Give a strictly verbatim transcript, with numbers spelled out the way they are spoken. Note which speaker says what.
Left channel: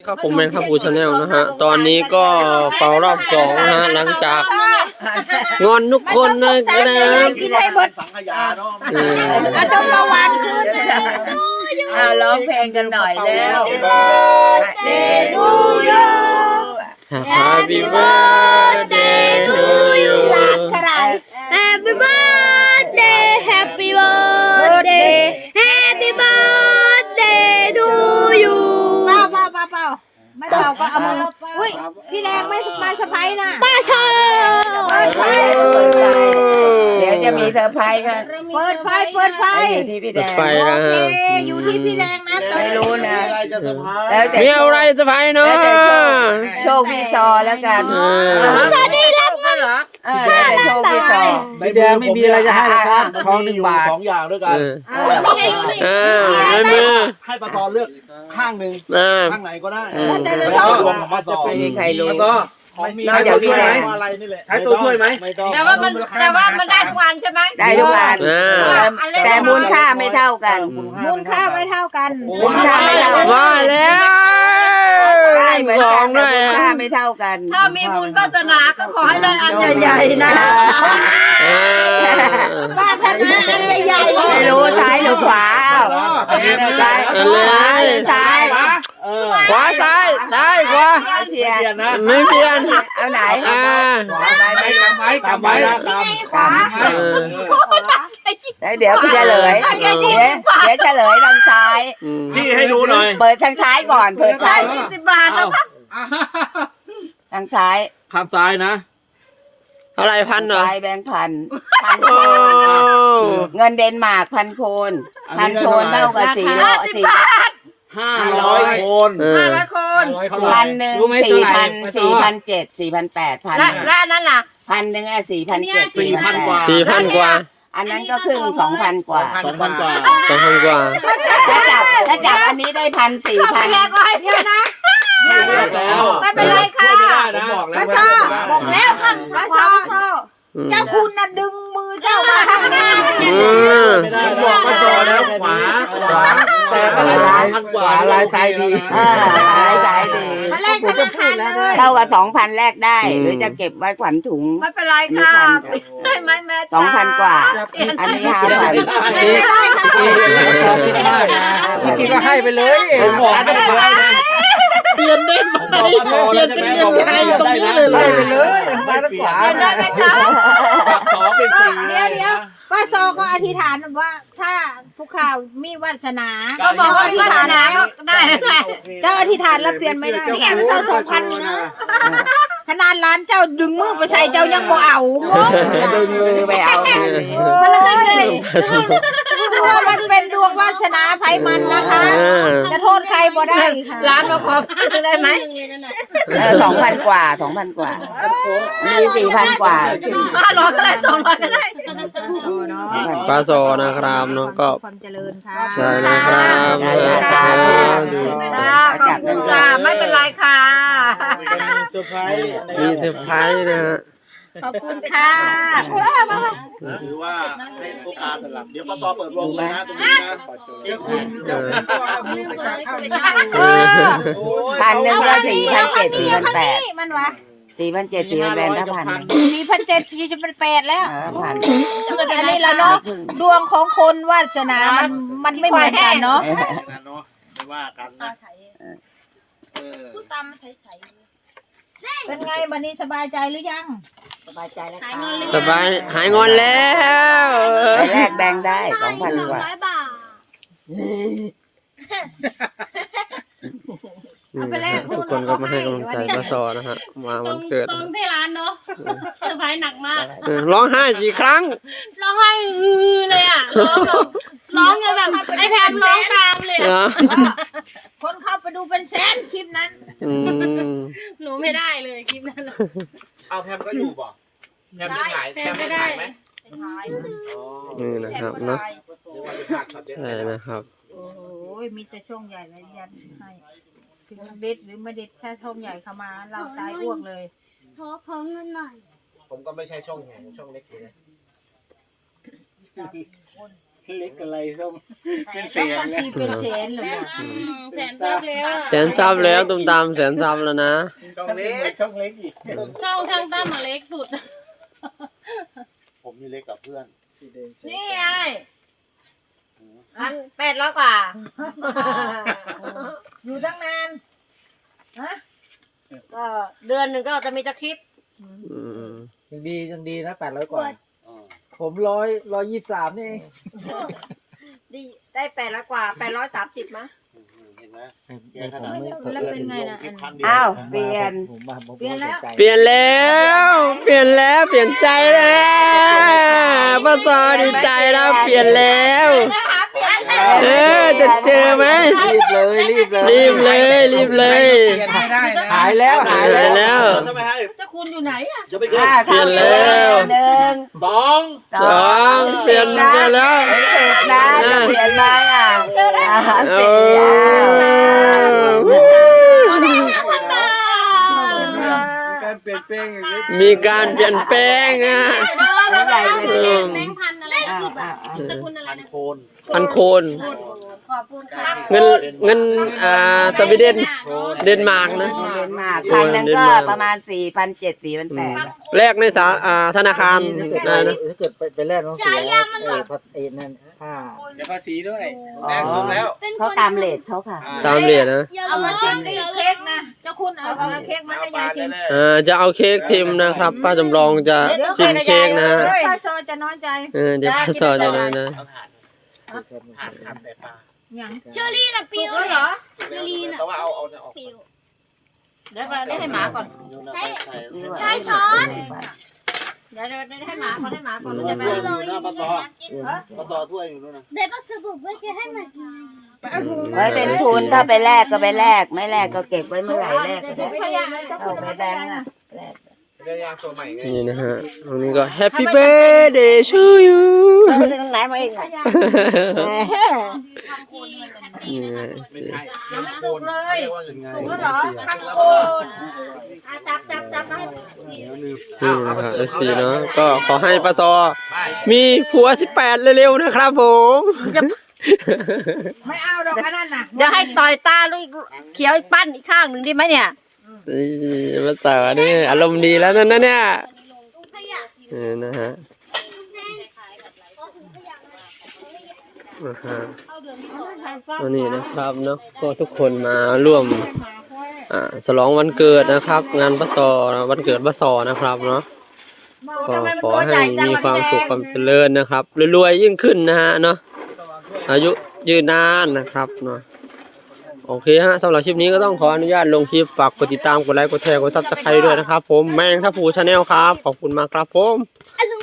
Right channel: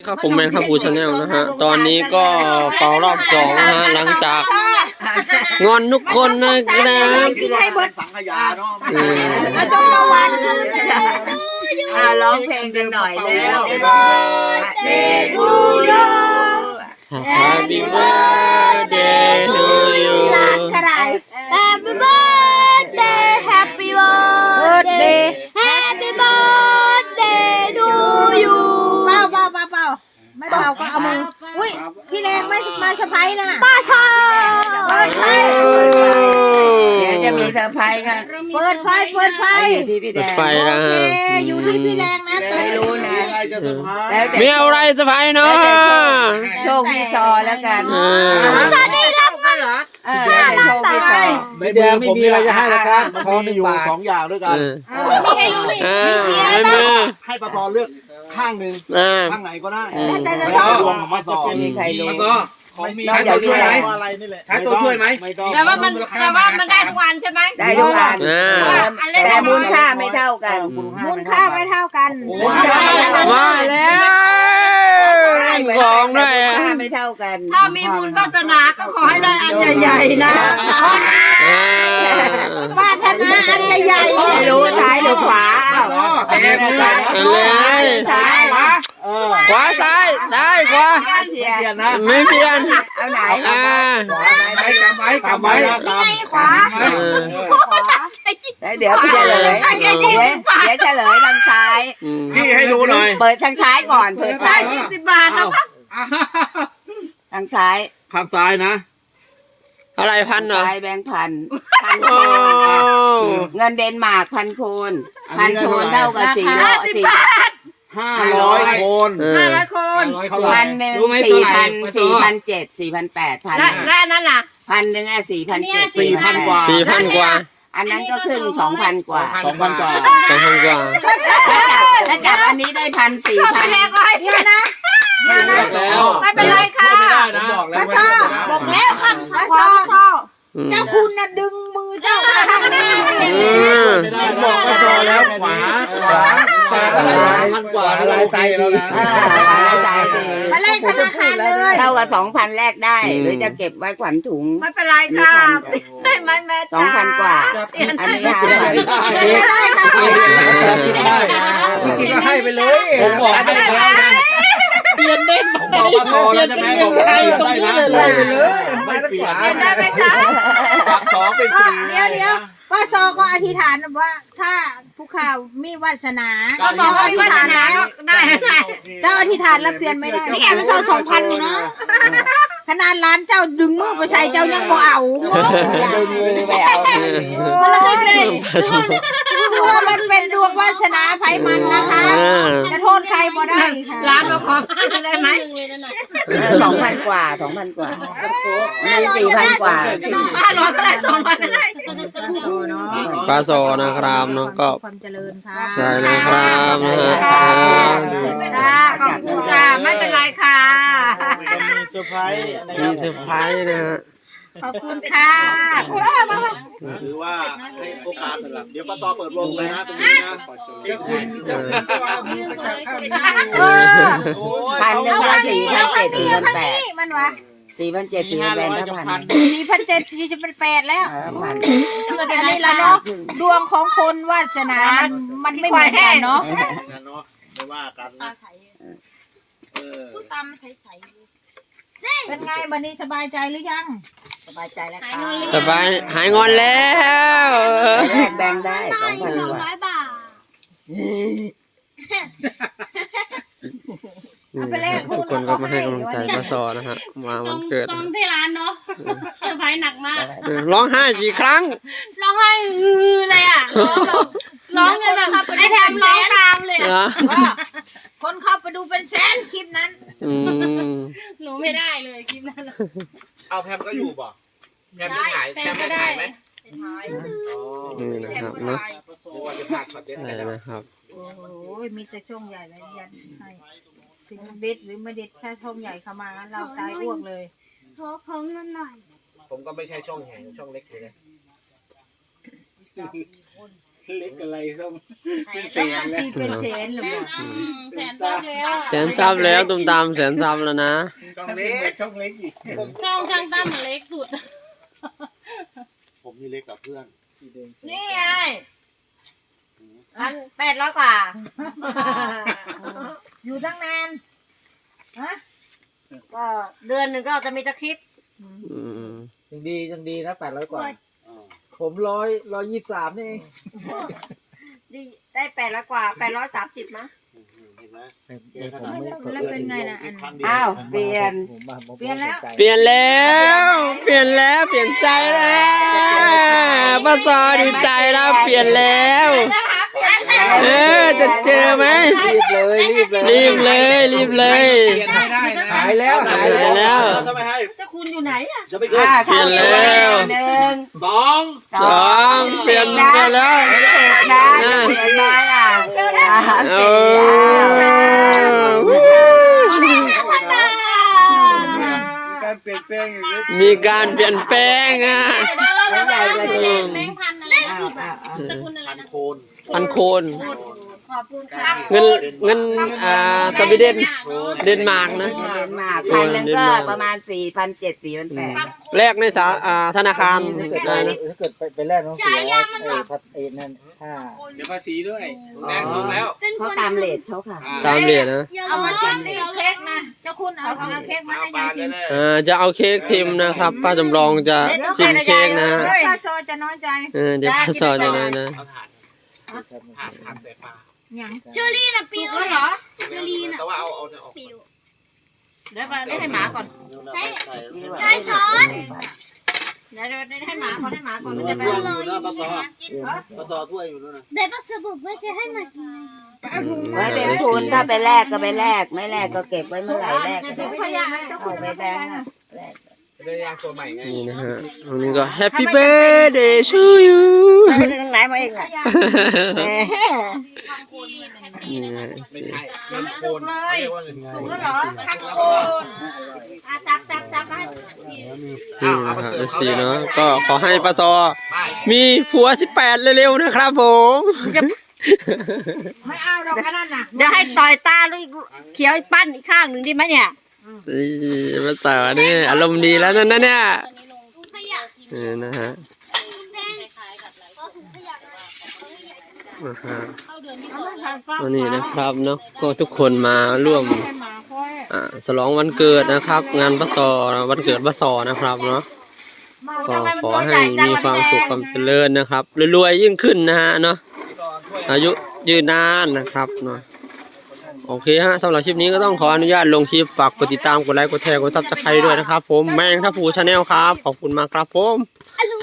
Speaker 1: ครับผมแมงทับพูชาแนลนะฮะตอนนี้ก็เป่ารอบสองนะฮะหลังจากงอนทุกคนนะครับ
Speaker 2: กินให้เบิดสังขยาเนาะ
Speaker 3: อาจารย์วันขึ้นอ่าร้องเพลงกันหน่อยแล้ว
Speaker 1: Happy birthday to you
Speaker 4: Happy birthday Happy birthday Happy birthday to you
Speaker 3: เป่าเป่าเป่าเป่าไม่เป่าก็เอามืออุ้ยพี่แดงไม่มาสะพายนะ
Speaker 4: ป้าชอ
Speaker 3: เปิดไฟ
Speaker 5: เดี๋ยวจะมีเซอร์ไพรส์กัน
Speaker 3: เปิดไฟเปิดไฟ
Speaker 5: อยู่ที่พี่แด
Speaker 1: เปิด
Speaker 5: ง
Speaker 1: ไฟนะ
Speaker 3: โอ
Speaker 1: ฮะ
Speaker 3: เคอยู่ที่พี่แดงนะตอน
Speaker 5: ไม่
Speaker 3: นี้
Speaker 5: รู้นะ
Speaker 2: อะไรจะสะพาย
Speaker 5: แล้วแต่
Speaker 1: มีอะไรสบายเนาะ
Speaker 5: โชคพี่ซอแล้วกัน
Speaker 1: เออ
Speaker 4: สวัสดีครับ
Speaker 5: เออแล้วแต่โชคพี่ซอ
Speaker 2: ในเดือนไม่มีอะไรจะให้นะครับมันมีอยู่สองอย่างด้วยกัน
Speaker 1: เออเออเงินมือ
Speaker 2: ให้ปตอเลือกข้างหนึ่ง
Speaker 1: อ่า
Speaker 2: ข้างไหนก็ได้
Speaker 1: อืม
Speaker 2: แล้วเอาดวงของปตอ
Speaker 5: ไม่มีใครรู้
Speaker 2: ปตอใช้ตัวช่วยไหมใช้ตัวช่วยไหมไม่ต้อง
Speaker 3: แต่ว่ามันแต่ว่ามันได้ทุกวันใช่ไหม
Speaker 5: ได้ทุกวัน
Speaker 1: อ่า
Speaker 5: แต่มูลค่าไม่เท่ากัน
Speaker 3: มูลค่าไม่เท่ากัน
Speaker 5: มูลค่าไม่เท่ากัน
Speaker 1: มาแล้วของด้วย
Speaker 5: มูล
Speaker 1: อ่ะ
Speaker 5: ค่าไม่เท่ากัน
Speaker 3: ถ้ามีบุญวาสนาก็ขอให้ได้อันใหญ่ๆนะ
Speaker 1: อ่า
Speaker 3: ปรารถนาอันใหญ่ๆ
Speaker 5: ไม่รู้ซ้ายหรือขวา
Speaker 2: อันนี้แน่ใจนะ
Speaker 1: เอาเลย
Speaker 5: ซ้าย
Speaker 2: ขวาเออ
Speaker 1: ขวาซ้ายซ้ายขวา
Speaker 5: เชีย
Speaker 2: ไม่เปลี่ยน
Speaker 5: ร์
Speaker 2: นะ
Speaker 1: ไม่เปลี่ยน
Speaker 5: เอาไหน
Speaker 1: อ่า
Speaker 2: ไม่กำไว้กำไว้นะตาม
Speaker 1: เออ
Speaker 5: แล้วเดี๋ยวพี่เฉลยเดี๋ยวเดี๋ยวเฉลยทางซ้าย
Speaker 1: อืม
Speaker 2: พี่ให้ดูหน่อย
Speaker 5: เปิดทางซ้ายก่อนเปิดซ้าย
Speaker 3: สิบบาท
Speaker 2: อ้าว
Speaker 5: ทางซ้าย
Speaker 2: ข้างซ้ายนะ
Speaker 1: อะไรพันเหรอ
Speaker 5: ซ้ายแบงค์พันพัน
Speaker 1: โอ้
Speaker 5: เงินเดนมาร์กพันโคนพันโคนเท่ากับสี่ร้อยสี่
Speaker 2: ห้าร้อยคน
Speaker 1: เออ
Speaker 3: ร้อยคน
Speaker 2: เท่าไหร่
Speaker 5: พันหนึ่งสี่พันสี่พันเจ็ดสี่พันแปดพัน
Speaker 3: และและอันนั้นล่ะ
Speaker 5: พันหนึ่งอ่ะสี่พันเจ็ด
Speaker 2: สี่พันกว่า
Speaker 1: สี่พันกว่า
Speaker 5: อันนั้นก็ครึ่งสองพันกว่า
Speaker 2: สองพันกว่า
Speaker 1: สองพันกว่า
Speaker 5: ถ้าจับถ้าจับอันนี้ได้พันสี่พัน
Speaker 3: พี่แดงก็ให้พี่นะ
Speaker 2: ไม่เป็นไรแล้ว
Speaker 3: ไม่เป็นไรค่ะ
Speaker 2: ช่วยไม่ได้นะบอกแล้ว
Speaker 3: ป้า
Speaker 2: ว่า
Speaker 3: ชอบ
Speaker 2: ไม่ได้
Speaker 3: ป้าชอบ
Speaker 1: อืม
Speaker 3: เจ้าคุณน่ะดึงมือเจ้ามาข้างนี้
Speaker 1: อืม
Speaker 2: ผมบอกว่าจอแล้วขวาขวาแต่อะไรสองพันกว่าลายใจแล้วนะ
Speaker 5: เออหลายสายดี
Speaker 3: มาเล่นธนาคารเลย
Speaker 5: เท่ากับสองพันแรกได้ หรือจะเก็บไว้ขวัญถุง
Speaker 3: ไม่เป็นไรค่ะได้ไหมแม่
Speaker 5: สอง
Speaker 3: จ๋า
Speaker 5: พันกว่า อันนี้ห้าพัน
Speaker 3: ไม่ได้ค่ะ
Speaker 2: จริงๆก็ให้ไปเลยผมบอกให้แล้วนะเปลี่ยนเด่นผมบอกว่าโตแล้วใช่ไหมบอกว่าเปลี่ยนได้นะได้ไปเลยไม่เปลี่ยน
Speaker 3: เห็นได้ไหมคะ
Speaker 2: จากสองเป็นสี่
Speaker 3: เดี๋ยวเดี๋ยวป้าโซก็อธิษฐานว่าถ้าผู้ข่าวมีวาสนา
Speaker 2: ก็บอกว่า
Speaker 3: อธิษฐานแล้วได้ได้เจ้าอธิษฐานแล้วเปลี่ยนไม่ได้
Speaker 2: นี่แอบใส่สองพันนะ
Speaker 3: ขนาดร้านเจ้าดึงมือไปใส่เจ้ายังบ่เอางง
Speaker 5: ดึงมือไปเอา
Speaker 3: โอ้ยดวงมันเป็นดวงวาสนาไผมันนะคะจะโทษใครบ่ได้ค่ะร้านมาขอได้ไหม
Speaker 5: สองพันกว่าสองพันกว่า มีสี่พันกว่า
Speaker 3: ห้าร้อยก็ได้สองร้อยก็ได้
Speaker 1: ปลาโซนะครับเนาะก็
Speaker 3: ความเจริญค่ะ
Speaker 1: ใช่นะครับนะฮะอ่าดู
Speaker 3: จ้าขอบคุณค่ะไม่เป็นไรค่ะ
Speaker 1: มีเซอร์ไพรส์นะฮะ
Speaker 3: ขอบคุณค่ะโอ้ยมามา
Speaker 2: ถือว่าให้โอกาสเดี๋ยวปตเปิดวงเลยนะตรงนี้นะ
Speaker 1: เออ
Speaker 3: เออ
Speaker 5: พันหนึ่งก็สี่พัน
Speaker 3: เอา
Speaker 5: เจ็
Speaker 3: ข้า
Speaker 5: ด
Speaker 3: งนี้
Speaker 5: สี่
Speaker 3: เอา
Speaker 5: พัน
Speaker 3: ข้าง
Speaker 5: แปด
Speaker 3: นี้มันวะ
Speaker 5: สี่พันเจ็ดสี่พันแปดถ้าพัน
Speaker 3: สี่พันเจ็ดสี่สิบแปดแล้ว
Speaker 5: พัน
Speaker 3: อันนี้ละเนาะดวงของคนวาสนามันมันไม่เหมือนกันเนาะ
Speaker 2: กันเนาะไม่ว่ากันนะเออ
Speaker 3: เป็นไงวันนี้สบายใจหรือยัง
Speaker 5: สบายใจแล้วค่ะ
Speaker 1: สบายหายงอนแล้ว
Speaker 5: แรกแบ่งได้สองพันกว่า
Speaker 4: ร้อยบาท
Speaker 1: ทุกคนก็มาให้กำลังใจปลาโซนะฮะมาวันเกิด
Speaker 6: ตรงที่ร้านเนาะเซอร์ไพรส์หนักมาก
Speaker 1: เออร้องไห้กี่ครั้ง
Speaker 6: ร้องไห้ฮือเลยอ่ะร้องแบบร้องกันแบบไอ้แพมร้องตามเลย
Speaker 1: เหร
Speaker 6: อะ
Speaker 1: อ
Speaker 3: คนเข้าไปดูเป็นแสนคลิปนั้น
Speaker 1: อืม
Speaker 6: หนูไม่ได้เลยคลิปนั้น
Speaker 2: เอาแพมก็อยู่บ่แพมไม่ถ่าย
Speaker 6: แพมไม่ได้
Speaker 1: นี่นะครับเนาะใช่นะครับ
Speaker 3: โอ้โหมีแต่ช่องใหญ่เลยยันให้ถึงเด็ดหรือไม่เด็ดถ้าช่องใหญ่เข้ามาเราตายอ้วกเลย
Speaker 4: ขอของเงินหน่อย
Speaker 2: ผมก็ไม่ใช่ช่องใหญ่ช่องเล็กอยู่นะเล็กอะไรส้มเป็นแส
Speaker 3: ต้อง
Speaker 2: น
Speaker 3: บางทีเป็นแสนหรือเปล่า
Speaker 6: แสนซับแล้ว
Speaker 1: แสนซับแล้วตุ้มตามแสนซับแล้วนะ
Speaker 2: ช่องเล็กช่องเล็กอีก
Speaker 6: ช่องช่างตั้มมาเล็กสุด
Speaker 7: ผมนี่เล็กกับเพื่อน
Speaker 6: นี่ไงพันแปดร้อยกว่า
Speaker 3: อยู่ตั้งนานฮะ
Speaker 6: ก็เดือนหนึ่งก็จะมีจะคลิป
Speaker 1: อืม
Speaker 2: ยังดียังดีนะแปดร้อยกว่าผมร้อยร้อยยี่สิบสามนี่เอง
Speaker 6: ดีได้แปดร้อยกว่าแปดร้อยสามสิบมั้ง
Speaker 7: เห็นไหม
Speaker 3: แล้วเป็นไงนะอัน
Speaker 5: อ้าวเปลี่ยน
Speaker 2: ผมมาผม
Speaker 3: เปลี่ยนแล้ว
Speaker 1: เปลี่ยนแล้ว เปลี่ยนแล้ว เปลี่ยนใจแล้วป้าซอดีใจแล้วเปลี่ยนแล้ว เออจะเจอไหม
Speaker 2: รีบเลยรีบเลย
Speaker 1: รีบเลย รีบเลย
Speaker 2: เปลี่ยนให้ได้นะหายแล้วหาย
Speaker 1: หายแล้ว
Speaker 7: จะไม่ให้
Speaker 6: เจ้าคุณอยู่ไหนอ่ะ
Speaker 7: จะไม่เกิน
Speaker 5: อ่า
Speaker 1: เปลี่ยนแล้ว
Speaker 5: หนึ่ง
Speaker 7: สอง
Speaker 1: สองเปลี่ยนเปลี่ยนแล้ว
Speaker 5: เสร็จนะเปลี่ยนมาอ่ะ
Speaker 1: โอ้
Speaker 2: การเปลี่ยนแปลงอย่างนี้
Speaker 1: มีการเปลี่ยนแปลงอ่ะ
Speaker 6: แล้วแบบแบงค์พันอะไร
Speaker 5: อ่าอ่าอ่า
Speaker 6: สกุลอะไร
Speaker 7: พัน
Speaker 6: นะ
Speaker 7: โคน
Speaker 1: พันโคน
Speaker 6: ขอบคุณค่ะ
Speaker 1: เงินเงินอ่าสวีเดนเดนมาร์กนะ
Speaker 5: เดนมาร์กพันหนึงก็ประมาณสี่พันเจ็ดสี่พันแปด
Speaker 1: แลกในสาอ่าธนาคารอะไรนะ
Speaker 2: ถ้าเกิดไปไปแลกน้องเสียแล้วเออพัดเอ็นนั่นห้าเสียภาษีด้วยแพงสุดแล้ว
Speaker 5: เขาตามเลทเขาค่ะ
Speaker 1: ตามเหรียญนะ
Speaker 3: เอามาชิมดิเค้กนะเจ้าคุณเอาเอาเค้กมาให้ยายกิน
Speaker 1: อ่าจะเอาเค้กทิมนะครับ ป้าจำลองจะชิมเค้กนะฮะ
Speaker 3: ป้าโซจะน้อยใจ
Speaker 1: เออเดี๋ยวป้าสอนจะเลยนะ
Speaker 7: เอาถ่านถ่านถ่านใส่ปลา
Speaker 3: ยัง
Speaker 4: เชอรี่น่ะปิว
Speaker 6: ก็เหรอ
Speaker 4: เชอรี่น่ะ
Speaker 7: แต่ว่าเอาเอาเนี่ยออก
Speaker 4: ปิว
Speaker 6: เดี๋ยวได้ให้หมาก่อน
Speaker 4: ใช้ช้อน
Speaker 6: เดี๋ยวได้ให้หมาก่อนให้หมาก่อน
Speaker 7: ถ้
Speaker 6: จะไป
Speaker 7: วยอยู่นะปลาซอปลาซอถ้วยอยู่นู่นนะ
Speaker 4: เดี๋ยวป้าสบุกไว้จะให้มากิน
Speaker 5: ไว้เป็นทุนถ้าไปแลกก็ไปแลกไม่แลกก็เก็บไว้เมื่อไหร่แลกก็
Speaker 3: ถุ
Speaker 5: ได้
Speaker 3: งขยะเจ้าคุ
Speaker 5: เอา
Speaker 3: ณ
Speaker 5: ไป
Speaker 3: เอาไป
Speaker 5: แบ
Speaker 3: แบ
Speaker 5: ง
Speaker 3: ง
Speaker 5: ค์
Speaker 3: ค์
Speaker 5: อ่ะ
Speaker 2: ได้ยางตัวใหม่ไง
Speaker 1: นี่นะฮะอันนี้ก็ Happy Birthday to you
Speaker 3: ไปทางไหนมาเองอ่ะ
Speaker 1: นี่นะ
Speaker 2: ไม่ใช่เงินโคนเขาเรียกว่าเงิน
Speaker 3: ถูกแล้วเหรอทางโคนอ่ะจับจับจับให้
Speaker 1: นี่นะฮะเอซีเนาะก็ขอให้ป้าซอมีผัวสิบแปดเร็วๆนะครับผม
Speaker 3: ไม่เอาดอกอันนั้นน่ะ
Speaker 6: เดี๋ยวให้ต่อยตาลูกเขียวอีกปั้นอีกข้างหนึ่งดีไหมเนี่ย
Speaker 1: นี่ป้าซอนี่อารมณ์ดีแล้วนั่นนะเนี่ย
Speaker 4: ถุงขยะ
Speaker 1: นี่นะฮะ
Speaker 4: แดงขอถุงขยะเลย
Speaker 1: นะฮะอันนี้นะครับเนาะก็ทุกคนมาร่วมอ่าฉลองวันเกิดนะครับ งานป้าซอวันเกิดป้าซอนะครับเนาะก็ขอให้มีความสุขความเจริญนะครับรวยๆยิ่งขึ้นนะฮะเนาะอายุยืนนานนะครับเนาะโอเคฮะสำหรับคลิปนี้ก็ต้องขออนุญาตลงคลิปฝากกดติดตามกดไลค์กดแชร์กดซับสไครต์ด้วยนะครับผมแมงทัพผูชาแนลครับขอบคุณมากครับผม
Speaker 4: อร่